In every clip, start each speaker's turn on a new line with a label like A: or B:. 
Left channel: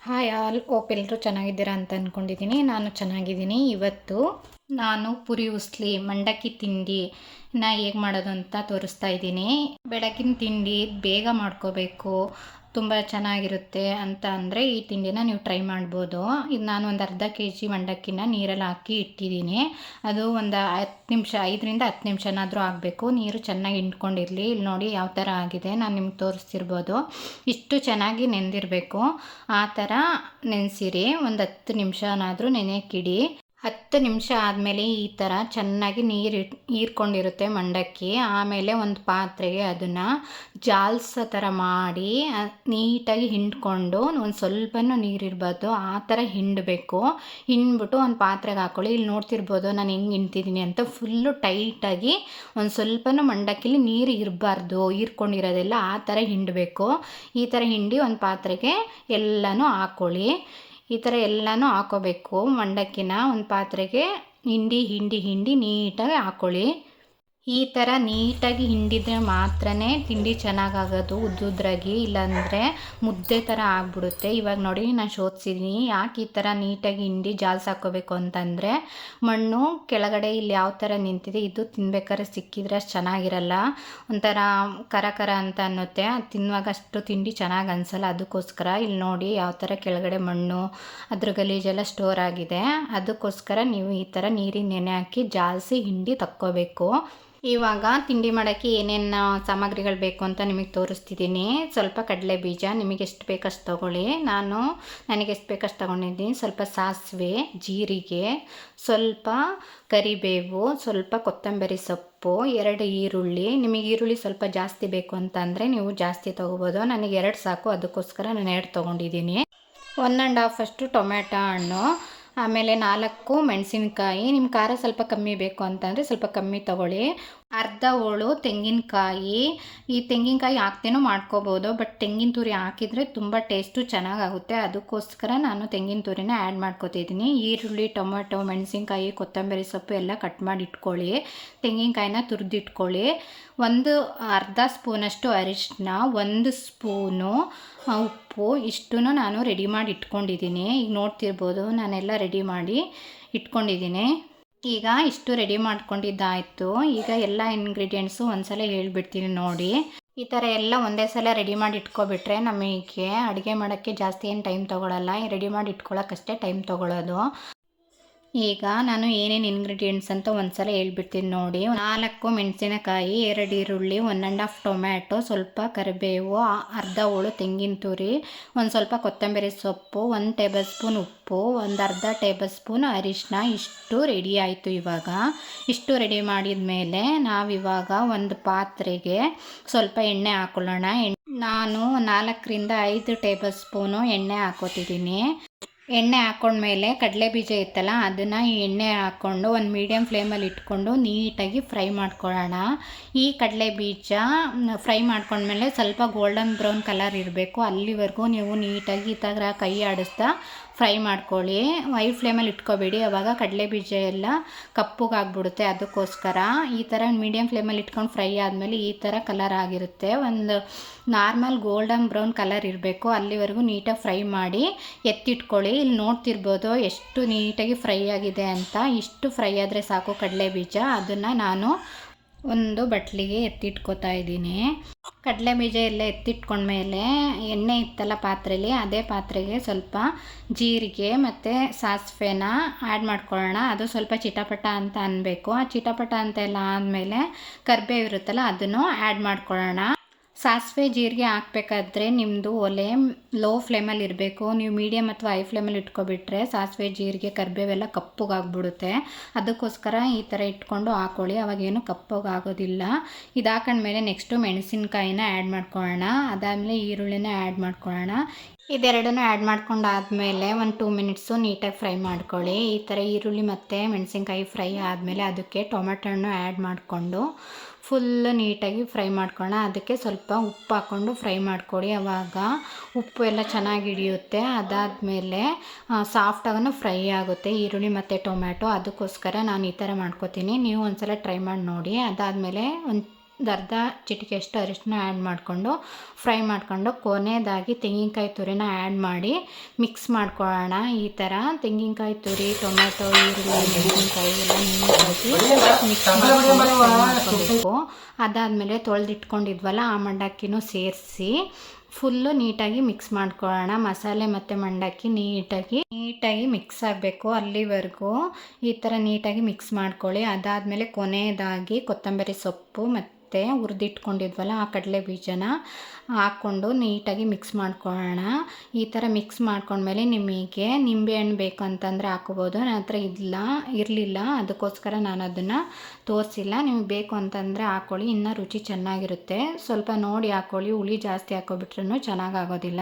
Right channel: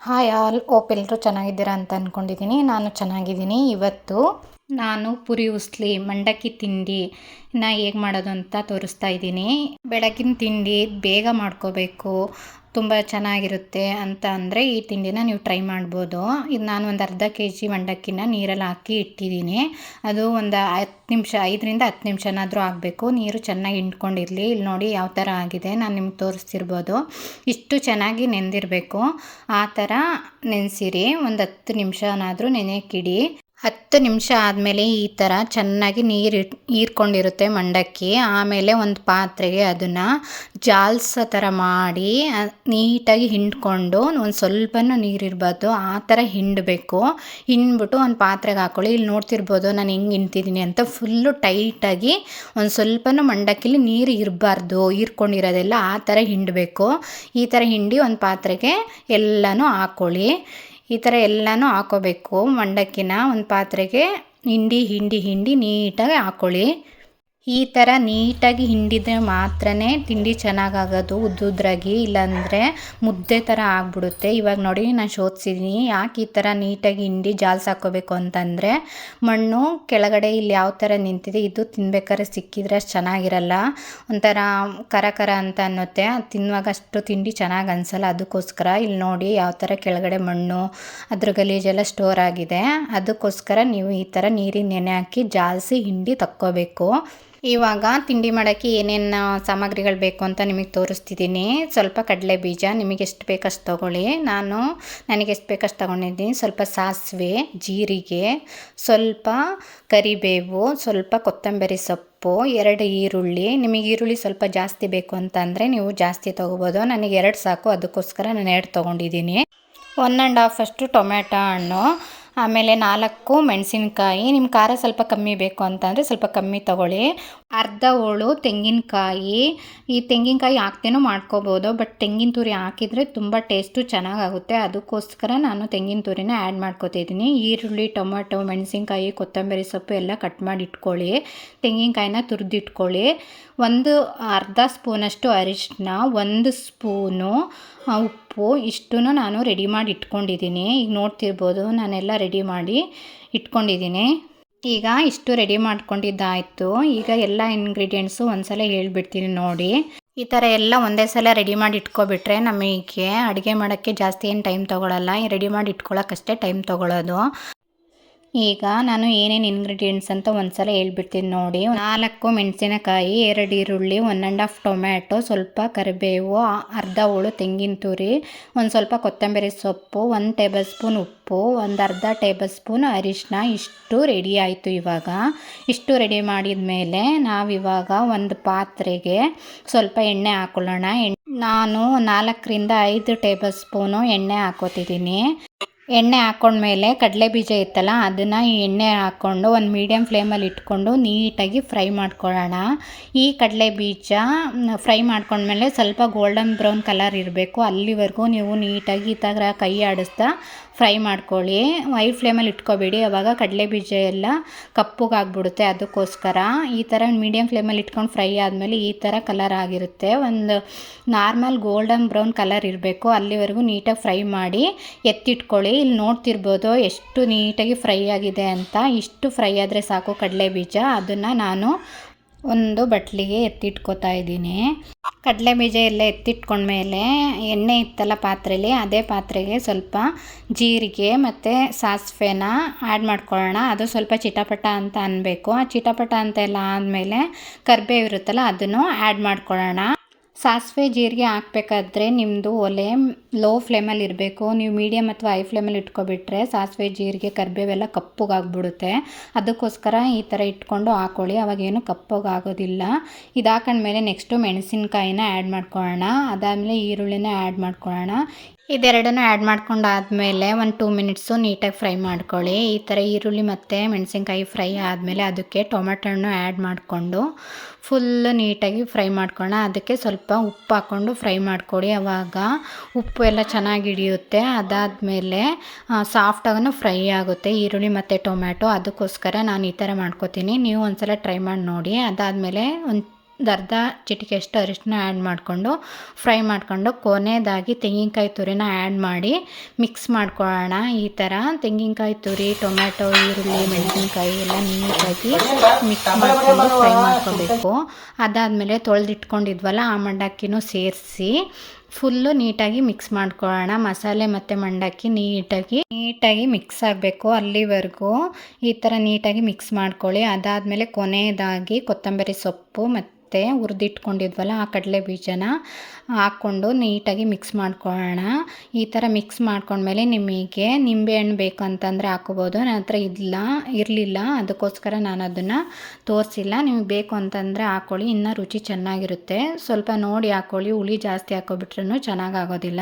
A: Hi all ಓಪ್ ಎಲ್ಲರೂ ಚೆನ್ನಾಗಿದ್ದೀರಾ ಅಂತ ಅಂದ್ಕೊಂಡಿದ್ದೀನಿ ನಾನು ಚೆನ್ನಾಗಿದ್ದೀನಿ. ಇವತ್ತು ನಾನು ಪುರಿ, ಉಸ್ಲಿ, ಮಂಡಕ್ಕಿ ತಿಂಡಿ ನಾ ಹೇಗೆ ಮಾಡೋದು ಅಂತ ತೋರಿಸ್ತಾ ಇದ್ದೀನಿ. ಬೆಳಗಿನ ತಿಂಡಿ ಬೇಗ ಮಾಡ್ಕೋಬೇಕು. ತುಂಬ ಚೆನ್ನಾಗಿರುತ್ತೆ ಅಂತ ಅಂದರೆ ಈ ತಿಂಡಿನ ನೀವು ಟ್ರೈ ಮಾಡ್ಬೋದು. ಇದು ನಾನು ಒಂದು ಅರ್ಧ ಕೆ ಜಿ ಮಂಡಕ್ಕಿನ ನೀರಲ್ಲಿ ಹಾಕಿ ಇಟ್ಟಿದ್ದೀನಿ. ಅದು ಒಂದು ಹತ್ತು ನಿಮಿಷ, ಐದರಿಂದ ಹತ್ತು ನಿಮಿಷನಾದರೂ ಆಗಬೇಕು. ನೀರು ಚೆನ್ನಾಗಿ ಹಿಂಡ್ಕೊಂಡಿರಲಿ. ಇಲ್ಲಿ ನೋಡಿ ಯಾವ ಥರ ಆಗಿದೆ. ನಾನು ನಿಮ್ಗೆ ತೋರಿಸ್ತಿರ್ಬೋದು. ಇಷ್ಟು ಚೆನ್ನಾಗಿ ನೆನೆದಿರಬೇಕು ಆ ಥರ ನೆನೆಸಿರಿ. ಒಂದು ಹತ್ತು ನಿಮಿಷನಾದರೂ ನೆನೆಯಕ್ಕಿಡಿ ಹತ್ತು ನಿಮಿಷ ಆದಮೇಲೆ ಈ ಥರ ಚೆನ್ನಾಗಿ ನೀರು ಹೀರ್ಕೊಂಡಿರುತ್ತೆ ಮಂಡಕ್ಕಿ. ಆಮೇಲೆ ಒಂದು ಪಾತ್ರೆಗೆ ಅದನ್ನು ಜಾಲ್ಸೋ ಥರ ಮಾಡಿ ನೀಟಾಗಿ ಹಿಂಡ್ಕೊಂಡು ಒಂದು ಸ್ವಲ್ಪನೂ ನೀರಿರ್ಬಾರ್ದು ಆ ಥರ ಹಿಂಡಬೇಕು. ಹಿಂಡ್ಬಿಟ್ಟು ಒಂದು ಪಾತ್ರೆಗೆ ಹಾಕ್ಕೊಳ್ಳಿ ಇಲ್ಲಿ ನೋಡ್ತಿರ್ಬೋದು ನಾನು ಹೆಂಗೆ ಹಿಂಡ್ತಿದ್ದೀನಿ ಅಂತ ಫುಲ್ಲು ಟೈಟಾಗಿ ಒಂದು ಸ್ವಲ್ಪನೂ ಮಂಡಕ್ಕಿಲಿ ನೀರು ಇರಬಾರ್ದು, ಹೀರ್ಕೊಂಡಿರೋದೆಲ್ಲ ಆ ಥರ ಹಿಂಡಬೇಕು. ಈ ಥರ ಹಿಂಡಿ ಒಂದು ಪಾತ್ರೆಗೆ ಎಲ್ಲನೂ ಹಾಕ್ಕೊಳ್ಳಿ ಈ ಥರ ಎಲ್ಲನೂ ಹಾಕೋಬೇಕು. ಮಂಡಕ್ಕಿನ ಒಂದು ಪಾತ್ರೆಗೆ ಹಿಂಡಿ ಹಿಂಡಿ ಹಿಂಡಿ ನೀಟಾಗಿ ಹಾಕ್ಕೊಳ್ಳಿ ಈ ಥರ ನೀಟಾಗಿ ಹಿಂಡಿದ್ರೆ ಮಾತ್ರ ತಿಂಡಿ ಚೆನ್ನಾಗಾಗೋದು, ಉದ್ದುದ್ರಾಗಿ, ಇಲ್ಲಾಂದರೆ ಮುದ್ದೆ ಥರ ಆಗಿಬಿಡುತ್ತೆ. ಇವಾಗ ನೋಡಿ, ನಾನು ಶೋಧಿಸಿದ್ದೀನಿ ಯಾಕೆ ಈ ಥರ ನೀಟಾಗಿ ಹಿಂಡಿ ಜಾಲ್ಸ್ ಹಾಕೋಬೇಕು ಅಂತಂದರೆ, ಮಣ್ಣು ಕೆಳಗಡೆ ಇಲ್ಲಿ ಯಾವ ಥರ ನಿಂತಿದೆ, ಇದು ತಿನ್ಬೇಕಾದ್ರೆ ಸಿಕ್ಕಿದ್ರೆ ಅಷ್ಟು ಚೆನ್ನಾಗಿರಲ್ಲ. ಒಂಥರ ಕರ ಕರ ಅಂತ ಅನ್ನುತ್ತೆ. ತಿನ್ನುವಾಗ ಅಷ್ಟು ತಿಂಡಿ ಚೆನ್ನಾಗಿ ಅನಿಸಲ್ಲ. ಅದಕ್ಕೋಸ್ಕರ ಇಲ್ಲಿ ನೋಡಿ ಯಾವ ಥರ ಕೆಳಗಡೆ ಮಣ್ಣು, ಅದ್ರ ಗಲೀಜೆಲ್ಲ ಸ್ಟೋರ್ ಆಗಿದೆ. ಅದಕ್ಕೋಸ್ಕರ ನೀವು ಈ ಥರ ನೀರಿನ ನೆನೆ ಹಾಕಿ ಜಾಲಿಸಿ ಹಿಂಡಿ ತಕ್ಕೋಬೇಕು. ಇವಾಗ ತಿಂಡಿ ಮಾಡೋಕ್ಕೆ ಏನೇನು ಸಾಮಗ್ರಿಗಳು ಬೇಕು ಅಂತ ನಿಮಗೆ ತೋರಿಸ್ತಿದ್ದೀನಿ. ಸ್ವಲ್ಪ ಕಡಲೆ ಬೀಜ, ನಿಮಗೆ ಎಷ್ಟು ಬೇಕಷ್ಟು ತೊಗೊಳ್ಳಿ. ನಾನು ನನಗೆ ಎಷ್ಟು ಬೇಕಷ್ಟು ತೊಗೊಂಡಿದ್ದೀನಿ. ಸ್ವಲ್ಪ ಸಾಸಿವೆ, ಜೀರಿಗೆ, ಸ್ವಲ್ಪ ಕರಿಬೇವು, ಸ್ವಲ್ಪ ಕೊತ್ತಂಬರಿ ಸೊಪ್ಪು, ಎರಡು ಈರುಳ್ಳಿ. ನಿಮಗೆ ಈರುಳ್ಳಿ ಸ್ವಲ್ಪ ಜಾಸ್ತಿ ಬೇಕು ಅಂತಂದರೆ ನೀವು ಜಾಸ್ತಿ ತೊಗೋಬೋದು. ನನಗೆ ಎರಡು ಸಾಕು, ಅದಕ್ಕೋಸ್ಕರ ನಾನು ಎರಡು ತೊಗೊಂಡಿದ್ದೀನಿ. ಒನ್ ಆ್ಯಂಡ್ ಹಾಫ್ ಅಷ್ಟು ಟೊಮೆಟೊ ಹಣ್ಣು, ಆಮೇಲೆ ನಾಲ್ಕು ಮೆಣಸಿನಕಾಯಿ. ನಿಮ್ಮ ಖಾರ ಸ್ವಲ್ಪ ಕಮ್ಮಿ ಬೇಕು ಅಂತಂದರೆ ಸ್ವಲ್ಪ ಕಮ್ಮಿ ತೊಗೊಳ್ಳಿ. ಅರ್ಧ ಹೋಳು ತೆಂಗಿನಕಾಯಿ. ಈ ತೆಂಗಿನಕಾಯಿ ಹಾಕ್ದೇನೂ ಮಾಡ್ಕೋಬೋದು, ಬಟ್ ತೆಂಗಿನ ತುರಿ ಹಾಕಿದರೆ ತುಂಬ ಟೇಸ್ಟು ಚೆನ್ನಾಗಾಗುತ್ತೆ. ಅದಕ್ಕೋಸ್ಕರ ನಾನು ತೆಂಗಿನ ತುರಿನ ಆ್ಯಡ್ ಮಾಡ್ಕೋತಿದ್ದೀನಿ ಈರುಳ್ಳಿ, ಟೊಮೆಟೊ, ಮೆಣಸಿನ್ಕಾಯಿ, ಕೊತ್ತಂಬರಿ ಸೊಪ್ಪು ಎಲ್ಲ ಕಟ್ ಮಾಡಿ ಇಟ್ಕೊಳ್ಳಿ. ತೆಂಗಿನಕಾಯಿನ ತುರಿದಿಟ್ಕೊಳ್ಳಿ. ಒಂದು ಅರ್ಧ ಸ್ಪೂನಷ್ಟು ಅರಿಶಿನ ಒಂದು ಸ್ಪೂನು ಉಪ್ಪು ಇಷ್ಟೂ ನಾನು ರೆಡಿ ಮಾಡಿ ಇಟ್ಕೊಂಡಿದ್ದೀನಿ. ಈಗ ನೋಡ್ತಿರ್ಬೋದು, ನಾನೆಲ್ಲ ರೆಡಿ ಮಾಡಿ ಇಟ್ಕೊಂಡಿದ್ದೀನಿ. ಈಗ ಇಷ್ಟು ರೆಡಿ ಮಾಡ್ಕೊಂಡಿದ್ದಾಯಿತು. ಈಗ ಎಲ್ಲ ಇಂಗ್ರೀಡಿಯೆಂಟ್ಸು ಒಂದ್ಸಲ ಹೇಳ್ಬಿಡ್ತೀನಿ ನೋಡಿ. ಈ ಥರ ಎಲ್ಲ ಒಂದೇ ಸಲ ರೆಡಿ ಮಾಡಿ ಇಟ್ಕೊಬಿಟ್ರೆ ನಮಗೆ ಅಡುಗೆ ಮಾಡೋಕ್ಕೆ ಜಾಸ್ತಿ ಏನು ಟೈಮ್ ತೊಗೊಳಲ್ಲ. ರೆಡಿ ಮಾಡಿ ಇಟ್ಕೊಳ್ಳೋಕ್ಕಷ್ಟೇ ಟೈಮ್ ತೊಗೊಳೋದು. ಈಗ ನಾನು ಏನೇನು ಇಂಗ್ರೀಡಿಯೆಂಟ್ಸ್ ಅಂತ ಒಂದ್ಸಲ ಹೇಳ್ಬಿಡ್ತೀನಿ ನೋಡಿ. ನಾಲ್ಕು ಮೆಣಸಿನಕಾಯಿ, ಎರಡು ಈರುಳ್ಳಿ ಒನ್ ಆ್ಯಂಡ್ ಹಾಫ್ ಟೊಮ್ಯಾಟೊ ಸ್ವಲ್ಪ ಕರಿಬೇವು ಅರ್ಧ ಹೋಳು ತೆಂಗಿನ ತುರಿ, ಒಂದು ಸ್ವಲ್ಪ ಕೊತ್ತಂಬರಿ ಸೊಪ್ಪು, ಒಂದು ಟೇಬಲ್ ಸ್ಪೂನ್ ಉಪ್ಪು, ಒಂದು ಅರ್ಧ ಟೇಬಲ್ ಸ್ಪೂನ್ ಅರಿಶಿನ ಇಷ್ಟು ರೆಡಿ ಆಯಿತು ಇವಾಗ. ಇಷ್ಟು ರೆಡಿ ಮಾಡಿದ ಮೇಲೆ ನಾವಿವಾಗ ಒಂದು ಪಾತ್ರೆಗೆ ಸ್ವಲ್ಪ ಎಣ್ಣೆ ಹಾಕೊಳ್ಳೋಣ. ನಾನು ನಾಲ್ಕರಿಂದ ಐದು ಟೇಬಲ್ ಸ್ಪೂನು ಎಣ್ಣೆ ಹಾಕೋತಿದ್ದೀನಿ ಎಣ್ಣೆ ಹಾಕ್ಕೊಂಡ್ಮೇಲೆ ಕಡಲೆ ಬೀಜ ಇತ್ತಲ್ಲ, ಅದನ್ನು ಎಣ್ಣೆ ಹಾಕ್ಕೊಂಡು ಒಂದು ಮೀಡಿಯಮ್ ಫ್ಲೇಮಲ್ಲಿ ಇಟ್ಕೊಂಡು ನೀಟಾಗಿ ಫ್ರೈ ಮಾಡ್ಕೊಳ್ಳೋಣ. ಈ ಕಡಲೆ ಬೀಜ ಫ್ರೈ ಮಾಡ್ಕೊಂಡ್ಮೇಲೆ ಸ್ವಲ್ಪ ಗೋಲ್ಡನ್ ಬ್ರೌನ್ ಕಲರ್ ಇರಬೇಕು. ಅಲ್ಲಿವರೆಗೂ ನೀವು ನೀಟಾಗಿ ಈ ಥರ ಕೈ ಆಡಿಸ್ತಾ ಫ್ರೈ ಮಾಡ್ಕೊಳ್ಳಿ. ವೈ ಫ್ಲೇಮಲ್ಲಿ ಇಟ್ಕೋಬೇಡಿ. ಅವಾಗ ಕಡಲೆ ಬೀಜ ಎಲ್ಲ ಕಪ್ಪಗಾಗ್ಬಿಡುತ್ತೆ ಅದಕ್ಕೋಸ್ಕರ. ಈ ಥರ ಮೀಡಿಯಮ್ ಫ್ಲೇಮಲ್ಲಿ ಇಟ್ಕೊಂಡು ಫ್ರೈ ಆದಮೇಲೆ ಈ ಥರ ಕಲರ್ ಆಗಿರುತ್ತೆ. ಒಂದು ನಾರ್ಮಲ್ ಗೋಲ್ಡನ್ ಬ್ರೌನ್ ಕಲರ್ ಇರಬೇಕು. ಅಲ್ಲಿವರೆಗೂ ನೀಟಾಗಿ ಫ್ರೈ ಮಾಡಿ ಎತ್ತಿಟ್ಕೊಳ್ಳಿ. ಇಲ್ಲಿ ನೋಡ್ತಿರ್ಬೋದು ಎಷ್ಟು ನೀಟಾಗಿ ಫ್ರೈ ಆಗಿದೆ ಅಂತ. ಇಷ್ಟು ಫ್ರೈ ಆದರೆ ಸಾಕು ಕಡಲೆ ಬೀಜ. ಅದನ್ನು ನಾನು ಒಂದು ಬಟ್ಲಿಗೆ ಎತ್ತಿಟ್ಕೋತಾ ಇದ್ದೀನಿ. ಕಡಲೆ ಬೀಜ ಎಲ್ಲ ಎತ್ತಿಟ್ಕೊಂಡ್ಮೇಲೆ ಎಣ್ಣೆ ಇತ್ತಲ್ಲ ಪಾತ್ರೆಯಲ್ಲಿ ಅದೇ ಪಾತ್ರೆಗೆ ಸ್ವಲ್ಪ ಜೀರಿಗೆ ಮತ್ತು ಸಾಸಿವೆನ ಆ್ಯಡ್ ಮಾಡ್ಕೊಳ್ಳೋಣ. ಅದು ಸ್ವಲ್ಪ ಚಿಟಪಟ ಅಂತ ಅನ್ನಬೇಕು ಆ ಚಿಟಪಟ ಅಂತ ಎಲ್ಲ ಆದಮೇಲೆ ಕರ್ಬೇವಿರುತ್ತಲ್ಲ, ಅದನ್ನು ಆ್ಯಡ್ ಮಾಡ್ಕೊಳ್ಳೋಣ. ಸಾಸಿವೆ ಜೀರಿಗೆ ಹಾಕ್ಬೇಕಾದ್ರೆ ನಿಮ್ಮದು ಒಲೆ ಲೋ ಫ್ಲೇಮಲ್ಲಿ ಇರಬೇಕು. ನೀವು ಮೀಡಿಯಮ್ ಅಥವಾ ಹೈ ಫ್ಲೇಮಲ್ಲಿ ಇಟ್ಕೊಬಿಟ್ರೆ ಸಾಸಿವೆ, ಜೀರಿಗೆ, ಕರಿಬೇವೆಲ್ಲ ಕಪ್ಪಗಾಗ್ಬಿಡುತ್ತೆ. ಅದಕ್ಕೋಸ್ಕರ ಈ ಥರ ಇಟ್ಕೊಂಡು ಹಾಕೊಳ್ಳಿ. ಅವಾಗೇನು ಕಪ್ಪಗಾಗೋದಿಲ್ಲ. ಇದು ಹಾಕೊಂಡ್ಮೇಲೆ ನೆಕ್ಸ್ಟು ಮೆಣಸಿನ್ಕಾಯಿನ ಆ್ಯಡ್ ಮಾಡ್ಕೊಳ್ಳೋಣ. ಅದಾದಮೇಲೆ ಈರುಳ್ಳಿನ ಆ್ಯಡ್ ಮಾಡ್ಕೊಳ್ಳೋಣ. ಇದೆರಡನ್ನೂ ಆ್ಯಡ್ ಮಾಡ್ಕೊಂಡು ಆದಮೇಲೆ ಒಂದು ಟೂ ಮಿನಿಟ್ಸು ನೀಟಾಗಿ ಫ್ರೈ ಮಾಡ್ಕೊಳ್ಳಿ. ಈ ಥರ ಈರುಳ್ಳಿ ಮತ್ತು ಮೆಣಸಿನ್ಕಾಯಿ ಫ್ರೈ ಆದಮೇಲೆ ಅದಕ್ಕೆ ಟೊಮೆಟೊ ಹಣ್ಣು ಆ್ಯಡ್ ಮಾಡಿಕೊಂಡು ಫುಲ್ಲು ನೀಟಾಗಿ ಫ್ರೈ ಮಾಡ್ಕೊಳ್ಳೋಣ. ಅದಕ್ಕೆ ಸ್ವಲ್ಪ ಉಪ್ಪು ಹಾಕ್ಕೊಂಡು ಫ್ರೈ ಮಾಡ್ಕೊಳ್ಳಿ. ಆವಾಗ ಉಪ್ಪು ಎಲ್ಲ ಚೆನ್ನಾಗಿ ಹಿಡಿಯುತ್ತೆ. ಅದಾದಮೇಲೆ ಸಾಫ್ಟಾಗೂ ಫ್ರೈ ಆಗುತ್ತೆ. ಈರುಳ್ಳಿ ಮತ್ತು ಟೊಮ್ಯಾಟೊ ಅದಕ್ಕೋಸ್ಕರ ನಾನು ಈ ಥರ ಮಾಡ್ಕೋತೀನಿ. ನೀವು ಒಂದು ಸಲ ಟ್ರೈ ಮಾಡಿ ನೋಡಿ. ಅದಾದಮೇಲೆ ಒಂದು ಅರ್ಧ ಚಿಟಿಕೆಯಷ್ಟು ಅರಿಶಿನ ಆ್ಯಡ್ ಮಾಡಿಕೊಂಡು ಫ್ರೈ ಮಾಡಿಕೊಂಡು ಕೊನೆಯದಾಗಿ ತೆಂಗಿನಕಾಯಿ ತುರಿನ ಆ್ಯಡ್ ಮಾಡಿ ಮಿಕ್ಸ್ ಮಾಡ್ಕೊಳ್ಳೋಣ. ಈ ಥರ ತೆಂಗಿನಕಾಯಿ ತುರಿ, ಟೊಮೆಟೊ, ಈರುಳ್ಳಿ, ಮೆಣಸಿನ್ಕಾಯಿ ಎಲ್ಲ ನೀಟಾಗಿ ಮಿಕ್ಸ್ ಮಾಡಿಕೊಂಡು ಫ್ರೈ ಮಾಡ್ಕೋಬೇಕು. ಅದಾದಮೇಲೆ ತೊಳೆದಿಟ್ಕೊಂಡಿದ್ವಲ್ಲ ಆ ಮಂಡಕ್ಕಿನೂ ಸೇರಿಸಿ ಫುಲ್ಲು ನೀಟಾಗಿ ಮಿಕ್ಸ್ ಮಾಡ್ಕೊಳ್ಳೋಣ. ಮಸಾಲೆ ಮತ್ತು ಮಂಡಕ್ಕಿ ನೀಟಾಗಿ ನೀಟಾಗಿ ಮಿಕ್ಸ್ ಆಗಬೇಕು ಅಲ್ಲಿವರೆಗೂ. ಈ ಥರ ನೀಟಾಗಿ ಮಿಕ್ಸ್ ಮಾಡ್ಕೊಳ್ಳಿ. ಅದಾದಮೇಲೆ ಕೊನೆಯದಾಗಿ ಕೊತ್ತಂಬರಿ ಸೊಪ್ಪು ಮತ್ತು ಹುರಿದಿಟ್ಕೊಂಡಿದ್ವಲ್ಲ ಆ ಕಡಲೆ ಬೀಜನ. ಹಾಕ್ಕೊಂಡು ನೀಟಾಗಿ ಮಿಕ್ಸ್ ಮಾಡ್ಕೊಳ್ಳೋಣ. ಈ ಥರ ಮಿಕ್ಸ್ ಮಾಡ್ಕೊಂಡ್ಮೇಲೆ ನಿಮಗೆ ನಿಂಬೆಹಣ್ಣು ಬೇಕು ಅಂತಂದರೆ ಹಾಕೋಬೋದು. ನನ್ನ ಹತ್ರ ಇಲ್ಲ, ಇರಲಿಲ್ಲ. ಅದಕ್ಕೋಸ್ಕರ ನಾನು ಅದನ್ನು ತೋರಿಸಿಲ್ಲ. ನಿಮಗೆ ಬೇಕು ಅಂತಂದರೆ ಹಾಕ್ಕೊಳ್ಳಿ. ಇನ್ನೂ ರುಚಿ ಚೆನ್ನಾಗಿರುತ್ತೆ. ಸ್ವಲ್ಪ ನೋಡಿ ಹಾಕ್ಕೊಳ್ಳಿ. ಹುಳಿ ಜಾಸ್ತಿ ಹಾಕೋಬಿಟ್ರೂ ಚೆನ್ನಾಗಾಗೋದಿಲ್ಲ.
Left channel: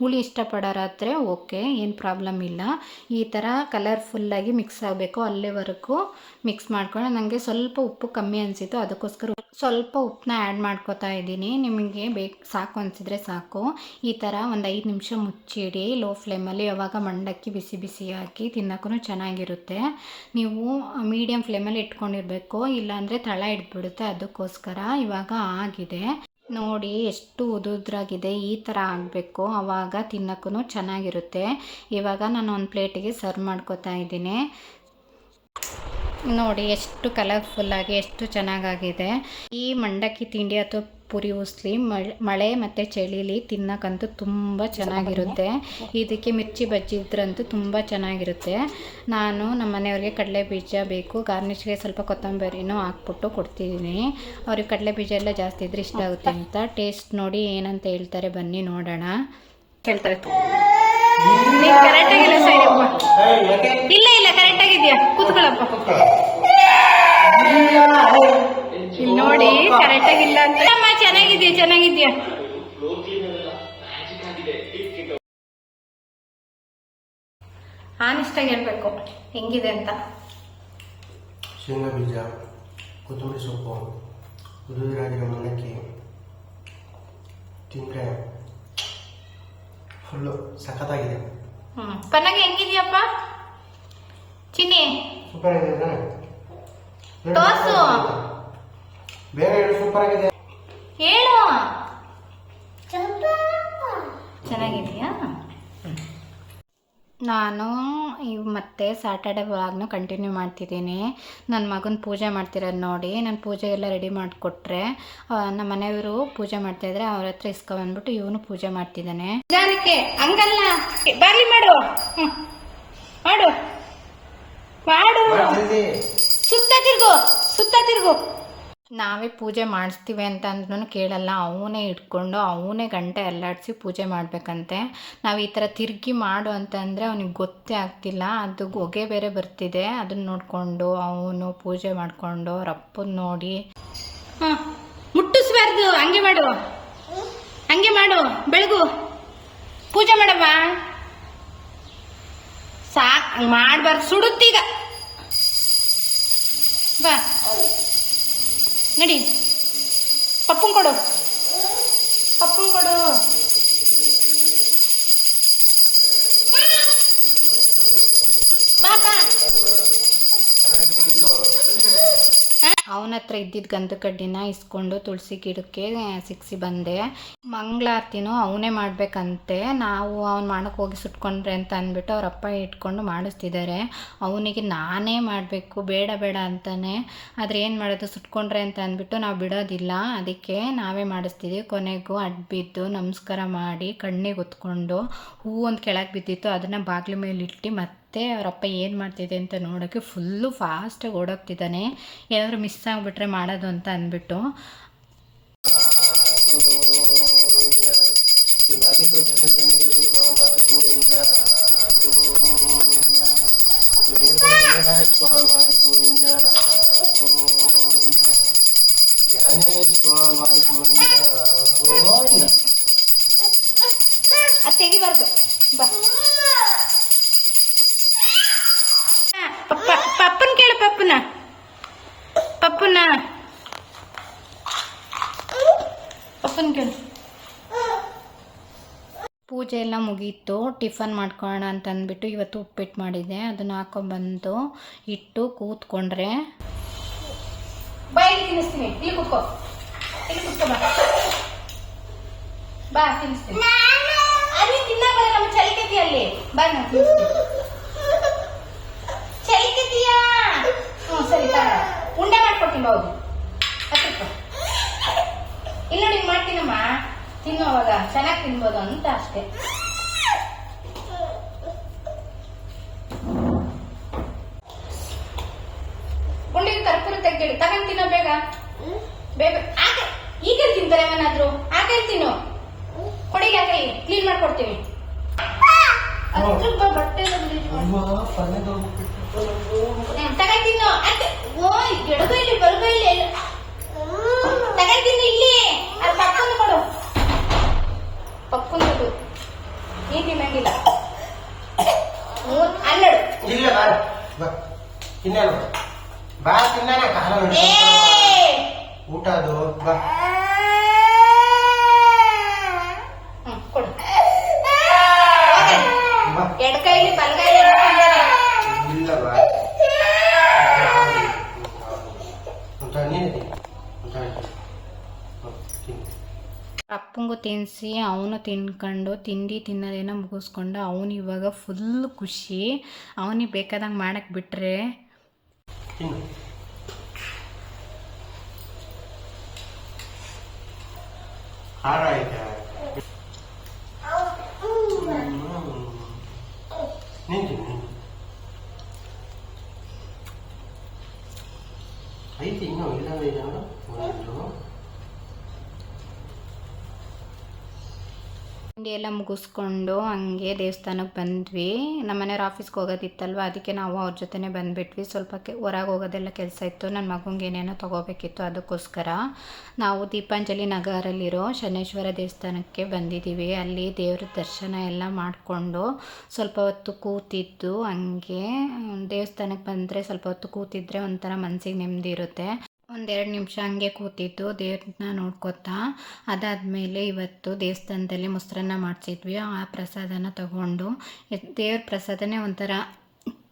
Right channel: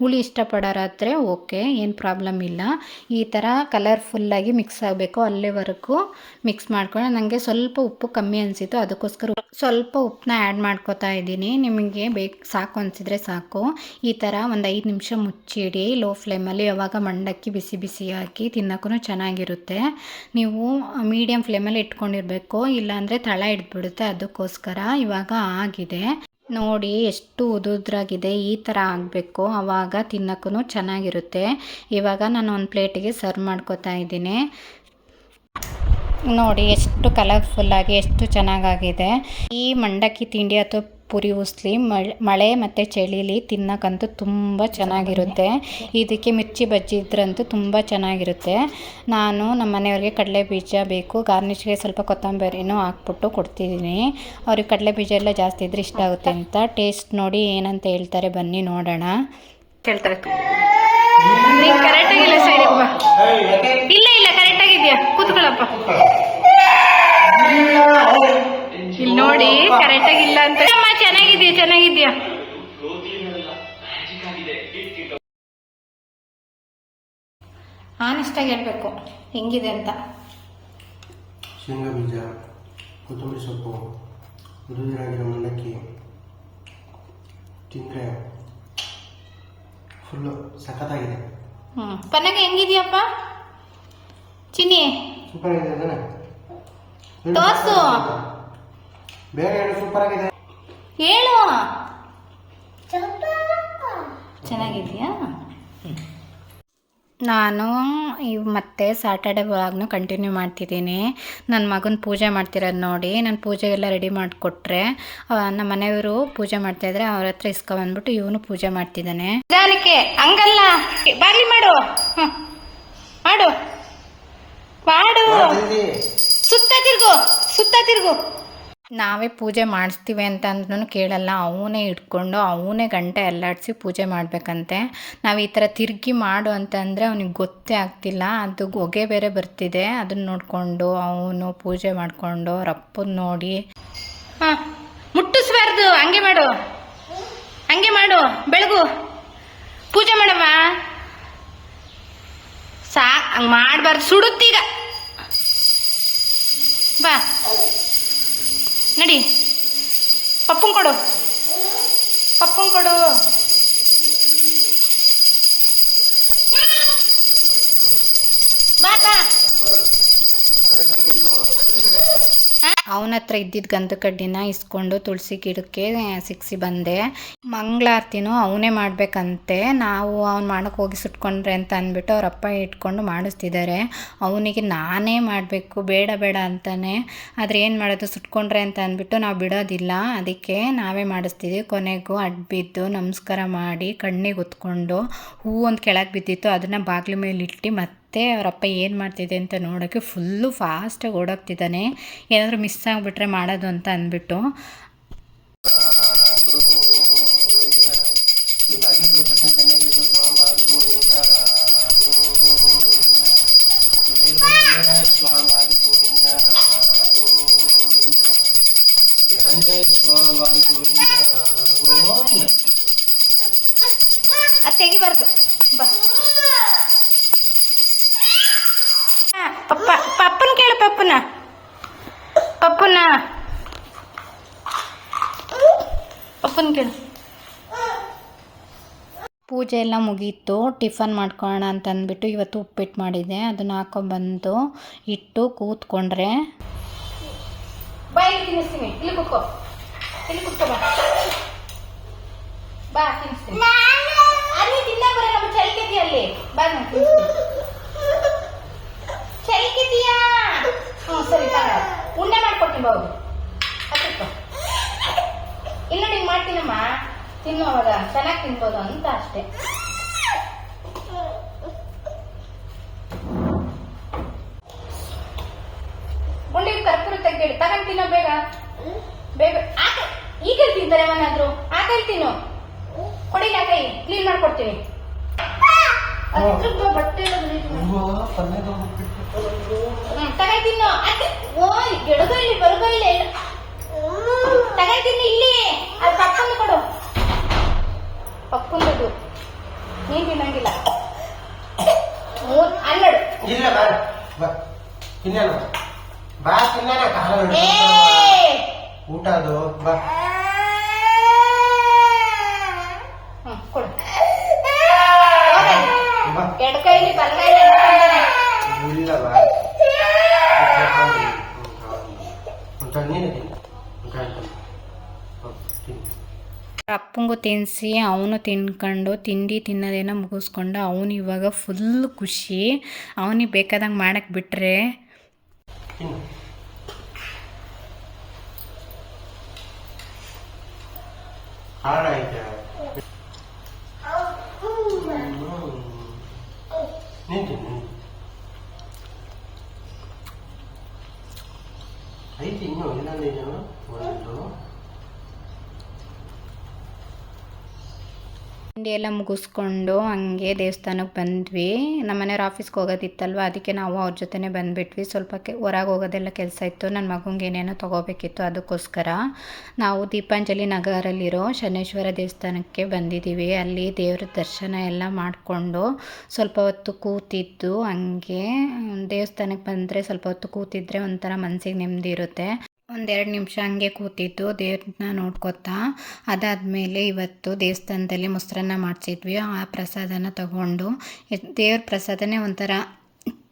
A: ಹುಳಿ ಇಷ್ಟಪಡೋರಾದರೆ ಓಕೆ, ಏನು ಪ್ರಾಬ್ಲಮ್ ಇಲ್ಲ. ಈ ಥರ ಕಲರ್ಫುಲ್ಲಾಗಿ ಮಿಕ್ಸ್ ಆಗಬೇಕು. ಅಲ್ಲಿವರೆಗೂ ಮಿಕ್ಸ್ ಮಾಡ್ಕೊಂಡು ನನಗೆ ಸ್ವಲ್ಪ ಉಪ್ಪು ಕಮ್ಮಿ ಅನಿಸಿತು ಅದಕ್ಕೋಸ್ಕರ ಸ್ವಲ್ಪ ಉಪ್ಪನ್ನ ಆ್ಯಡ್ ಮಾಡ್ಕೋತಾ ಇದ್ದೀನಿ. ನಿಮಗೆ ಬೇಕು ಸಾಕು ಅನಿಸಿದ್ರೆ ಸಾಕು. ಈ ಥರ ಒಂದು ಐದು ನಿಮಿಷ ಮುಚ್ಚಿಡಿ. ಲೋ ಫ್ಲೇಮಲ್ಲಿ ಯಾವಾಗ ಮಂಡಕ್ಕಿ ಬಿಸಿ ಬಿಸಿ ಹಾಕಿ ತಿನ್ನೋಕ್ಕೂ ಚೆನ್ನಾಗಿರುತ್ತೆ. ನೀವು ಮೀಡಿಯಮ್ ಫ್ಲೇಮಲ್ಲಿ ಇಟ್ಕೊಂಡಿರಬೇಕು. ಇಲ್ಲಾಂದರೆ ತಳ ಇಟ್ಬಿಡುತ್ತೆ ಅದಕ್ಕೋಸ್ಕರ ಇವಾಗ ಆಗಿದೆ. ನೋಡಿ ಎಷ್ಟು ಉದುದ್ರಾಗಿದೆ. ಈ ಥರ ಆಗಬೇಕು. ಆವಾಗ ತಿನ್ನೋಕ್ಕೂ ಚೆನ್ನಾಗಿರುತ್ತೆ. ಇವಾಗ ನಾನು ಒಂದು ಪ್ಲೇಟಿಗೆ ಸರ್ವ್ ಮಾಡ್ಕೋತಾ ಇದ್ದೀನಿ. ನೋಡಿ ಎಷ್ಟು ಕಲರ್ಫುಲ್ಲಾಗಿ, ಎಷ್ಟು ಚೆನ್ನಾಗಾಗಿದೆ. ಈ ಮಂಡಕ್ಕಿ ತಿಂಡಿ ಅಥವಾ ಪುರಿ ಉಸ್ಲಿ, ಮಳೆ ಮಳೆ ಮತ್ತು ಚಳಿಲಿ ತಿನ್ನೋಕ್ಕಂತೂ ತುಂಬ ಚೆನ್ನಾಗಿರುತ್ತೆ. ಇದಕ್ಕೆ ಮಿರ್ಚಿ ಬಜ್ಜಿ ಇದ್ರಂತೂ ತುಂಬ ಚೆನ್ನಾಗಿರುತ್ತೆ. ನಾನು ನಮ್ಮ ಮನೆಯವ್ರಿಗೆ ಕಡಲೆ ಬೀಜ ಬೇಕು. ಗಾರ್ನಿಷ್ಗೆ ಸ್ವಲ್ಪ ಕೊತ್ತಂಬರಿನೂ ಹಾಕ್ಬಿಟ್ಟು ಕೊಡ್ತಿದ್ದೀನಿ. ಅವ್ರಿಗೆ ಕಡಲೆ ಬೀಜ ಎಲ್ಲ ಜಾಸ್ತಿ ಇದ್ರೆ ಇಷ್ಟ ಆಗುತ್ತೆ ಅಂತ. ಟೇಸ್ಟ್ ನೋಡಿ ಏನಂತ ಹೇಳ್ತಾರೆ ಬನ್ನಿ ನೋಡೋಣ.
B: ಸೈಡಪ್ಪ ಇಲ್ಲ ಇಲ್ಲ ಕರೆಕ್ಟ್ ಆಗಿದ್ಯಾ ಕೂತ್ಕೊಳ್ಳಪ್ಪ. ಇಲ್ಲಿ ನೋಡಿ ಕರೆಕ್ಟ್ ಆಗಿಲ್ಲ ಅಂತ. ಅಮ್ಮ ಚೆನ್ನಾಗಿದ್ಯಾ ಚೆನ್ನಾಗಿದ್ಯಾ?
A: ಆನೆಸ್ಟಾಗಿ ಹೇಳ್ಬೇಕು ಹೆಂಗಿದೆ ಅಂತ.
C: ಶೇಂಗಾ ಬೀಜ ಕೊತ್ತಂಬರಿ ಸೊಪ್ಪು ಉದುರಾಗಿರೋ ಮಂಡಕ್ಕಿ ತಿಂದರೆ ಫುಲ್ಲು ಸಖತ್ತಾಗಿದೆ.
A: ಹ್ಞೂ ಪನ್ನಾಗ ಹೆಂಗಿದೆಯಪ್ಪ? ಚಿನ್ನಿ?
C: ಸೂಪರ್ ಆಗಿದೆ ತಾನೆ
A: ತೋರ್ಸು.
C: ಹೇಳು ಸೂಪರ್ ಆಗಿದೆ.
A: ಹೇಳು. ಚೆನ್ನಾಗಿದೆಯಾ ನಾನು ಈ ಮತ್ತೆ ಸ್ಯಾಟರ್ಡೆ ವ್ಲಾಗ್ನ ಕಂಟಿನ್ಯೂ ಮಾಡ್ತಿದ್ದೀನಿ. ನನ್ನ ಮಗನ ಪೂಜೆ ಮಾಡ್ತಿರೋದು ನೋಡಿ ನಾನು ಪೂಜೆಗೆಲ್ಲ ರೆಡಿ ಮಾಡಿಕೊಟ್ರೆ ನಮ್ಮ ಮನೆಯವರು ಪೂಜೆ ಮಾಡ್ತಾಯಿದ್ರೆ ಅವ್ರ ಹತ್ರ ಇಸ್ಕೊಬಂದ್ಬಿಟ್ಟು ಇವನು ಪೂಜೆ ಮಾಡ್ತಿದ್ದಾನೆ.
B: ಜಾನಕ್ಕೆ ಹಂಗಲ್ಲ. ಬರ್ಲಿ ಮಾಡು. ಮಾಡು. ಮಾಡು. ಸುತ್ತ ತಿರ್ಗು ಸುತ್ತ ತಿರ್ಗು.
A: ನಾವೇ ಪೂಜೆ ಮಾಡಿಸ್ತೀವಿ ಅಂತ ಅಂದ್ರೂ ಕೇಳಲ್ಲ. ಅವನೇ ಇಟ್ಕೊಂಡು ಅವನೇ ಗಂಟೆ ಅಲ್ಲಾಡಿಸಿ ಪೂಜೆ ಮಾಡಬೇಕಂತೆ. ನಾವು ಈ ಥರ ತಿರುಗಿ ಮಾಡು ಅಂತಂದರೆ ಅವನಿಗೆ ಗೊತ್ತೇ ಆಗ್ತಿಲ್ಲ. ಅದು ಹೊಗೆ ಬೇರೆ ಬರ್ತಿದೆ. ಅದನ್ನ ನೋಡಿಕೊಂಡು ಅವನು ಪೂಜೆ ಮಾಡಿಕೊಂಡು ಅಪ್ಪನ ನೋಡಿ.
B: ಹಾಂ, ಮುಟ್ಟಿಸ್ಬಾರ್ದು. ಹಂಗೆ ಮಾಡು. ಹಂಗೆ ಮಾಡು. ಬೆಳಗು. ಪೂಜೆ ಮಾಡಮ್ಮ ಸಾ ಹಂಗೆ ಮಾಡಬಾರ್ದು. ಸುಡುತ್ತೀಗ. ಬಾ. ನಡಿ. ಪಪ್ಪನ್ ಕೊಡು. ಪಪ್ಪನ್ ಕೊಡು.
A: ಅವನ ಹತ್ರ ಇದ್ದಿದ್ದ ಗಂಧ ಕಡ್ಡಿನ ಇಸ್ಕೊಂಡು ತುಳಸಿ ಗಿಡಕ್ಕೆ ಸಿಕ್ಸಿ ಬಂದೆ. ಮಂಗಳಾರತಿನೂ ಅವನೇ ಮಾಡಬೇಕಂತೆ. ನಾವು ಅವ್ನು ಮಾಡೋಕೆ ಹೋಗಿ ಸುಟ್ಕೊಂಡ್ರೆ ಅಂತ ಅಂದ್ಬಿಟ್ಟು ಅವ್ರ ಅಪ್ಪ ಇಟ್ಕೊಂಡು ಮಾಡಿಸ್ತಿದ್ದಾರೆ ಅವನಿಗೆ ನಾನೇ ಮಾಡಬೇಕು, ಬೇಡ ಬೇಡ ಅಂತಾನೆ. ಆದರೆ ಏನು ಮಾಡೋದು, ಸುಟ್ಕೊಂಡ್ರೆ ಅಂತ ಅಂದ್ಬಿಟ್ಟು ನಾವು ಬಿಡೋದಿಲ್ಲ. ಅದಕ್ಕೆ ನಾವೇ ಮಾಡಿಸ್ತಿದ್ದೀವಿ ಕೊನೆಗೂ ಅಡ್ಬಿದ್ದು ನಮಸ್ಕಾರ ಮಾಡಿ ಕಣ್ಣಿಗೆ ಹೊತ್ಕೊಂಡು ಹೂ ಒಂದು ಕೆಳಗೆ ಬಿದ್ದಿತ್ತು. ಅದನ್ನು ಬಾಗಿಲು ಮೇಲೆ ಇಟ್ಟು ಮತ್ತೆ ಅವರಪ್ಪ ಏನು ಮಾಡ್ತಿದೆ ಅಂತ ನೋಡೋಕ್ಕೆ ಫುಲ್ಲು ಫಾಸ್ಟಾಗಿ ಓಡೋಗ್ತಿದ್ದಾನೆ ಏನಾದರೂ ಮಿಸ್ ಆಗಿಬಿಟ್ರೆ ಮಾಡೋದು ಅಂತ ಅಂದ್ಬಿಟ್ಟು.
B: ಪಪ್ಪನ. ಪಪ್ಪುನ. ಪಪ್ಪನ ಕೇಳು.
A: ಪೂಜೆ ಎಲ್ಲ ಮುಗೀತು ಟಿಫನ್ ಮಾಡ್ಕೊಳ್ಳೋಣ ಅಂತ ಅಂದ್ಬಿಟ್ಟು ಇವತ್ತು ಉಪ್ಪಿಟ್ಟು ಮಾಡಿದ್ದೆ ಅದನ್ನು ಹಾಕೊಂಡ್ಬಂದು ಇಟ್ಟು ಕೂತ್ಕೊಂಡ್ರೆ.
B: ಬಾಯಿ ತಿನ್ನಿಸ್ತೀನಿ ಇಲ್ಲಿ ಕೂತ್ಕೋ.
A: ಇಲ್ಲಿ ಕೂತ್ಕೋ ಬಾ ಚೆನ್ನಾಗಿ ತಿನ್ಬೋದು ಅಂತ ಅಷ್ಟೇ. ಉಂಡಿಗೆ ಕರ್ಪೂರ ತೆಗ್ದೇಳಿ ತಗೊಂಡ್ ತಿನ್ನೋ ಬೇಗ. ಬೇಗ. ಆಗ- ಈಗ ತಿಂತಾರೆ ಅವನಾದ್ರು. ಆಕೈ ತಿನ್ನು? ಕೊಡಿಗೆ ಆಕೈ ಕ್ಲೀನ್ ಮಾಡ್ಕೊಡ್ತೀವಿ ಬಟ್ಟೆ ಎಲ್ಲ ಮುರಿದು.
C: ಪಲ್ಯ ಬಂದ್ಬಿಟ್ಟು
A: ಹ್ಮ್, ತಗೊಂಡ್ ತಿನ್ನು. ಆಕೆ ಓಯ್ ಗೆಡಗು ಇಲ್ಲಿ ಬರಗ ಇಲ್ಲಿ. ಅದು ಪಕ್ಕೊಂಡು ಕೊಡು. ನೀನ್ ತಿನ್ನಂಗಿಲ್ಲ ಮೂರ್ ಹನ್ನೆರಡು.
C: ಇಲ್ಲ ಬಾ. ಬಾ. ತಿನ್ನೋಣ ಬಾ ಊಟ ಅದು. ಬಾ.
A: ತಿನ್ನಿಸಿ ಅವನು ತಿನ್ಕೊಂಡು ತಿಂಡಿ ತಿನ್ನೋದೇನೋ ಮುಗಿಸ್ಕೊಂಡು ಅವನು ಇವಾಗ ಫುಲ್ ಖುಷಿ. ಅವನಿಗೆ ಬೇಕಾದಂಗೆ ಮಾಡಕ್ಕೆ ಬಿಟ್ಟರೆ
C: ಐತೆ ಇನ್ನು ಇಲ್ಲವೇ ಇದು ಒಂದು
A: ತಿಂಡಿ ಎಲ್ಲ ಮುಗಿಸ್ಕೊಂಡು ಹಂಗೆ ದೇವಸ್ಥಾನಕ್ಕೆ ಬಂದ್ವಿ. ನಮ್ಮ ಮನೆಯವ್ರ ಆಫೀಸ್ಗೆ ಹೋಗೋದಿತ್ತಲ್ವ? ಅದಕ್ಕೆ ನಾವು ಅವ್ರ ಜೊತೆನೇ ಬಂದುಬಿಟ್ವಿ. ಸ್ವಲ್ಪ ಕೆ ಹೊರಗೆ ಹೋಗೋದೆಲ್ಲ ಕೆಲಸ ಇತ್ತು. ನನ್ನ ಮಗಂಗೆ ಏನೇನೋ ತೊಗೋಬೇಕಿತ್ತು ಅದಕ್ಕೋಸ್ಕರ. ನಾವು ದೀಪಾಂಜಲಿ ನಗರಲ್ಲಿರೋ ಶನೇಶ್ವರ ದೇವಸ್ಥಾನಕ್ಕೆ ಬಂದಿದ್ದೀವಿ. ಅಲ್ಲಿ ದೇವ್ರ ದರ್ಶನ ಎಲ್ಲ ಮಾಡಿಕೊಂಡು ಸ್ವಲ್ಪ ಹೊತ್ತು ಕೂತಿದ್ದು ಹಂಗೆ. ದೇವಸ್ಥಾನಕ್ಕೆ ಬಂದರೆ ಸ್ವಲ್ಪ ಹೊತ್ತು ಕೂತಿದ್ರೆ ಒಂಥರ ಮನಸ್ಸಿಗೆ ನೆಮ್ಮದಿ ಇರುತ್ತೆ. ಒಂದೆರಡು ನಿಮಿಷ ಹಂಗೆ ಕೂತಿದ್ದು, ದೇವ್ರನ್ನ ನೋಡ್ಕೊತಾ ಅದಾದಮೇಲೆ ಇವತ್ತು ದೇವಸ್ಥಾನದಲ್ಲಿ ಮೊಸರನ್ನ ಮಾಡಿಸಿದ್ವಿ. ಆ ಪ್ರಸಾದನ ತಗೊಂಡು ದೇವ್ರ ಪ್ರಸಾದನೇ ಒಂಥರ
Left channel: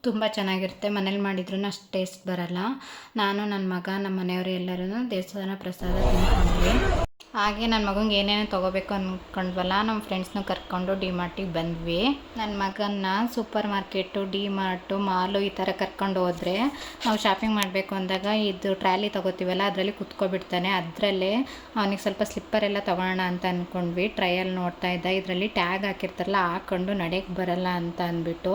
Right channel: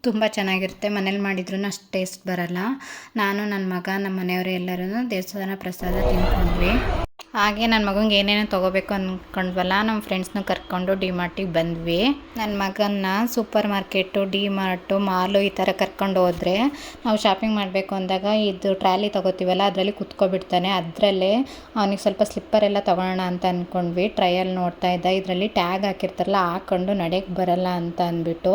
A: ತುಂಬ ಚೆನ್ನಾಗಿರುತ್ತೆ. ಮನೇಲಿ ಮಾಡಿದ್ರೂ ಅಷ್ಟು ಟೇಸ್ಟ್ ಬರಲ್ಲ. ನಾನು ನನ್ನ ಮಗ ನಮ್ಮ ಮನೆಯವರು ಎಲ್ಲರೂ ದೇವಸ್ಥಾನ ಪ್ರಸಾದ ತಿನ್ಕೊಂಡ್ವಿ ಹಾಗೆ ನನ್ನ ಮಗಂಗೆ ಏನೇನೋ ತೊಗೋಬೇಕು ಅಂದ್ಕೊಂಡ್ವಲ್ಲ ನಮ್ಮ ಫ್ರೆಂಡ್ಸ್ನ ಕರ್ಕೊಂಡು ಡಿ ಮಾರ್ಟಿಗೆ ಬಂದ್ವಿ. ನನ್ನ ಮಗನ್ನ super market D mart mall ಈ ಥರ ಕರ್ಕೊಂಡು ಹೋದರೆ ನಾವು ಶಾಪಿಂಗ್ ಮಾಡಬೇಕು ಅಂದಾಗ ಇದು ಟ್ರಾಲಿ ತೊಗೋತೀವಲ್ಲ, ಅದರಲ್ಲಿ ಕುತ್ಕೊಬಿಡ್ತಾನೆ. ಅದರಲ್ಲೇ ಅವನಿಗೆ ಸ್ವಲ್ಪ ಸ್ಲಿಪ್ಪರ್ ಎಲ್ಲ ತೊಗೊಳೋಣ ಅಂತ ಅಂದ್ಕೊಂಡ್ವಿ ಟ್ರಯಲ್ ನೋಡ್ತಾ ಇದ್ದ. ಇದರಲ್ಲಿ ಟ್ಯಾಗ್ ಹಾಕಿರ್ತಾರಲ್ಲ ಹಾಕ್ಕೊಂಡು ನಡೆಯಕ್ಕೆ ಬರಲ್ಲ ಅಂತ ಅಂದ್ಬಿಟ್ಟು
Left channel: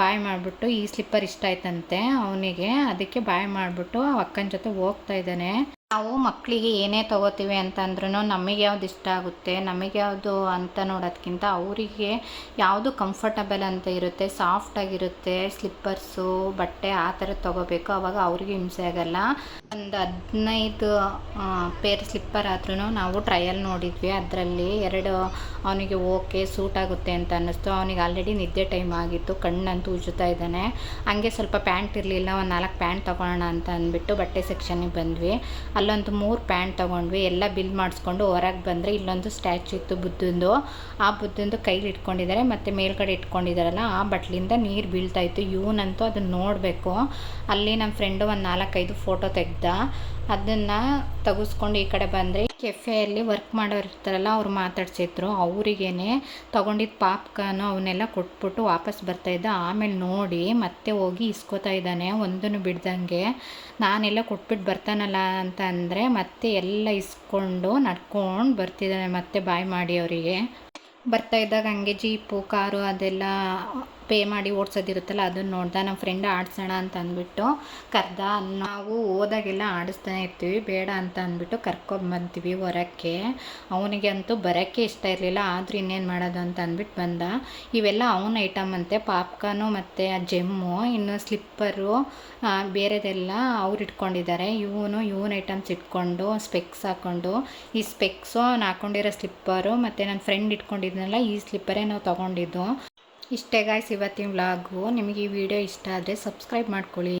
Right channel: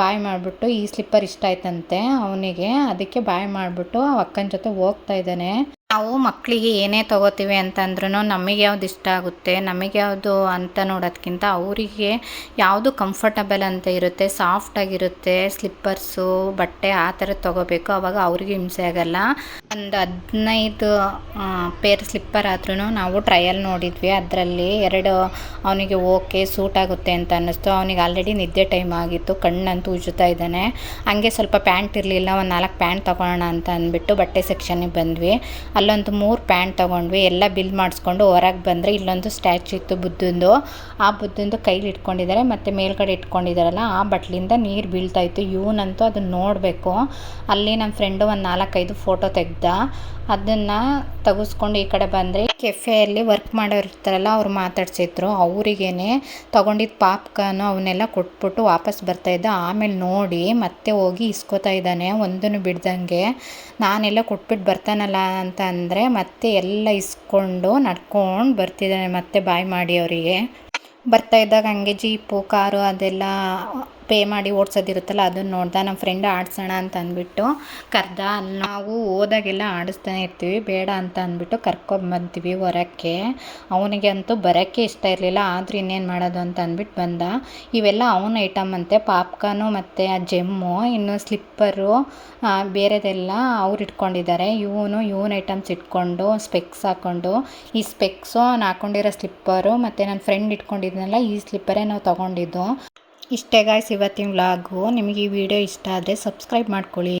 A: ಬಾಯ್ ಮಾಡಿಬಿಟ್ಟು ಈ ಸ್ಲಿಪ್ಪರ್ ಇಷ್ಟ ಆಯ್ತಂತೆ ಅವನಿಗೆ. ಅದಕ್ಕೆ ಬಾಯ್ ಮಾಡಿಬಿಟ್ಟು ಅಕ್ಕನ ಜೊತೆ ಹೋಗ್ತಾ ಇದ್ದಾನೆ. ನಾವು ಮಕ್ಕಳಿಗೆ ಏನೇ ತೊಗೋತೀವಿ ಅಂತಂದ್ರೂ ನಮಗೆ ಯಾವ್ದು ಇಷ್ಟ ಆಗುತ್ತೆ, ನಮಗೆ ಯಾವುದು ಅಂತ ನೋಡೋದಕ್ಕಿಂತ ಅವರಿಗೆ ಯಾವುದು ಕಂಫರ್ಟಬಲ್ ಅಂತ ಇರುತ್ತೆ ಸಾಫ್ಟಾಗಿರುತ್ತೆ ಸ್ಲಿಪ್ಪರ್ಸು ಬಟ್ಟೆ ಆ ಥರ ತೊಗೋಬೇಕು. ಅವಾಗ ಅವ್ರಿಗೆ ಹಿಂಸೆ ಆಗಲ್ಲ. ಒಂದು ಹದಿನೈದು ಪೇರ್ ಸ್ಲಿಪ್ಪರ್ ಆದ್ರೂ ನಾವು ಟ್ರಯಲ್ ನೋಡಿದ್ವಿ. ಅದರಲ್ಲಿ ಎರಡು ಅವನಿಗೆ ಓಕೆ ಸೂಟ್ ಆಗುತ್ತೆ ಅಂತ ಅನ್ನಿಸ್ತು. ಅವನಿಗೆ ಆಲ್ರೆಡಿ ನಿದ್ದೆ ಟೈಮ್ ಆಗಿತ್ತು. ಕಣ್ಣಂತೂ ಉಜ್ಜುತ್ತಾ ಇದ್ದಾನೆ. ಹಂಗೆ ಸ್ವಲ್ಪ ಪ್ಯಾಂಟ್ ಇರಲಿಲ್ಲ, ಒಂದು ನಾಲ್ಕು ಪ್ಯಾಂಟ್ ತೊಗೊಳ್ಳೋಣ ಅಂತ ಅಂದ್ಬಿಟ್ಟು ಬಟ್ಟೆ ಸೆಕ್ಷನಿಗೆ ಬಂದ್ವಿ. ಅಲ್ಲೊಂದು ಮೂರು ಪ್ಯಾಂಟ್ ತೊಗೊಂಡ್ವಿ, ಎಲ್ಲ ಬಿಲ್ ಮಾಡಿಸ್ಕೊಂಡು ಹೊರಗೆ ಬಂದರೆ ಇಲ್ಲೊಂದು ಸ್ಟ್ಯಾಚು ಇತ್ತು ಬುದ್ಧಂದು. ಆ ಬುದ್ಧಂದು ಕೈಲಿ ಇಟ್ಕೊಂಡಿದ್ದಾರೆ ಮತ್ತು ಮೇಲ್ಗಡೆ ಇಟ್ಕೊಂಡಿದ್ದಾರಲ್ಲ ಆ ಬಟ್ಲಿಂದ ನೀರು ಬೀಳ್ತಾ ಇತ್ತು. ಇವನಂತೂ ಅದನ್ನ ನೋಡಬೇಕು. ಅಲ್ಲಿ ನಮ್ಮ ಫ್ರೆಂಡು ಒಂದು ನಾಲ್ಕೈದು ಫೋಟೋ ತೆಗ್ದ, ಅದನ್ನು ತೆಗೆಸ್ಕೊಂಡು ಈ ಕಡೆ ಬಂದರೆ ಕೆಫೆಯಲ್ಲಿ ವರ್ಕ್ ಮಾಡೋರು ಇರ್ತಾರಲ್ಲ, ಅವ್ರು ಮಾತಾಡ್ಸಿದ್ರು. ಅವರಿಗೇನೆ ತೊಗೊಂಡಿದ್ದ ಪಾಪ್ಕಾನು ಅವನ್ನೆಲ್ಲ ಕೊಟ್ಬಿಟ್ಟು ವಾಪಸ್ ಬರ್ತಾಯಿದ್ದ ಆಮೇಲೆ ನೋಡಿ ಮತ್ತೆ ಹೋಗಿ ಇಸ್ಕೋತಾ ಇದ್ದಾನೆ ಒಂದನ್ನು ಬಿಡ್ದಂಗೆ. ನಾನೆಲ್ಲ ಕೊಟ್ಬಿಟ್ಟು ಬರ್ತಾನಲ್ಲ ಅಂತ ಅಂದರೆ ಮತ್ತೆ ಎಲ್ಲ ಇಸ್ಕೊಂಡು ನಡ್ಕೊಂಡು ಬರ್ತಿದ್ದಾನೆ ಮತ್ತೆ ಬಾಯ್ ಮಾಡಿ ಅವರಿಗೆ. ಬರ್ತಾ ಇದ್ದಾಗ ಹಂಗೆ ಜೀಪು, ಕಾರು ಅದೆಲ್ಲ ಪೇ ಮಾಡಿ ಓಡಿಸೋದಿರುತ್ತಲ್ಲ, ಅದನ್ನು ನೋಡ್ದೆ ನಮ್ಮ ಫ್ರೆಂಡ್ ಆಡಿಸೋಣ ಅಂತ ಅಂದ್ಬಿಟ್ಟು ಕರ್ದ, ನಾವು ಹೋದಾಗೆಲ್ಲ ಆಡಿಸ್ತಾನೆ ಇರ್ತೀವಿ, ಬೇಡ ಅಂತ ಅಂದ್ಬಿಟ್ಟು ಕರ್ಕೊಂಬಂತೀವಿ ಹೊರಕ್ಕೆ. ಅವನಿಗೆ ಅಂತೂ ಬರೋಕ್ಕೆ ಇಷ್ಟ ಇರಲಿಲ್ಲ, ಆದರೂ ಇನ್ನೇನು ಮಾಡೋದು ಅಂತ ಅಂದ್ಬಿಟ್ಟು ಬಂದ. ಇವೆಲ್ಲ ಅವನ ಐಟಮ್ ಅಂತೆ, ಪಾಪ್ಕಾರ್ನು ಮತ್ತು ಆ ಜೆಮ್ಮು, ಇನ್ನು ಸ್ಲಿಪ್ಪರು ಬೇರೆದೆಲ್ಲ ಅವ್ರು ಇಟ್ಕೊಂಡಿದ್ದಾರೆ. ಇವನು, ಇವನ್ ಐಟಮ್ಸ್ ಇಟ್ಕೊಂಡು ಸ್ಪೆಕ್ಸ್ ಹಾಕ್ಕೊಂಡು ಈ ಸ್ಪೆಕ್ಸು ನಾನು ಹಾಕ್ಕೊಂಡಿರೋ ಸ್ಲಿಪ್ಪರು ಮತ್ತು ನನ್ನ ಫ್ರೆಂಡ್ ಇಟ್ಕೊಂಡಿದ್ನಲ್ಲ, ಈ ಸ್ಲಿಪ್ಪರೇ ನಾವು ತೊಗೊಂಡಿದ್ದು. ಇಷ್ಟೇ ಗಾಯ್ಸ್ ಇವತ್ತಿನ ವ್ಲಾಗು ನಿಮಗೆ ಈ ವಿಡಿಯೋ ಇಷ್ಟ ಆದರೆ ಸಬ್ಸ್ಕ್ರೈಬ್ ಮಾಡ್ಕೊಳ್ಳಿ.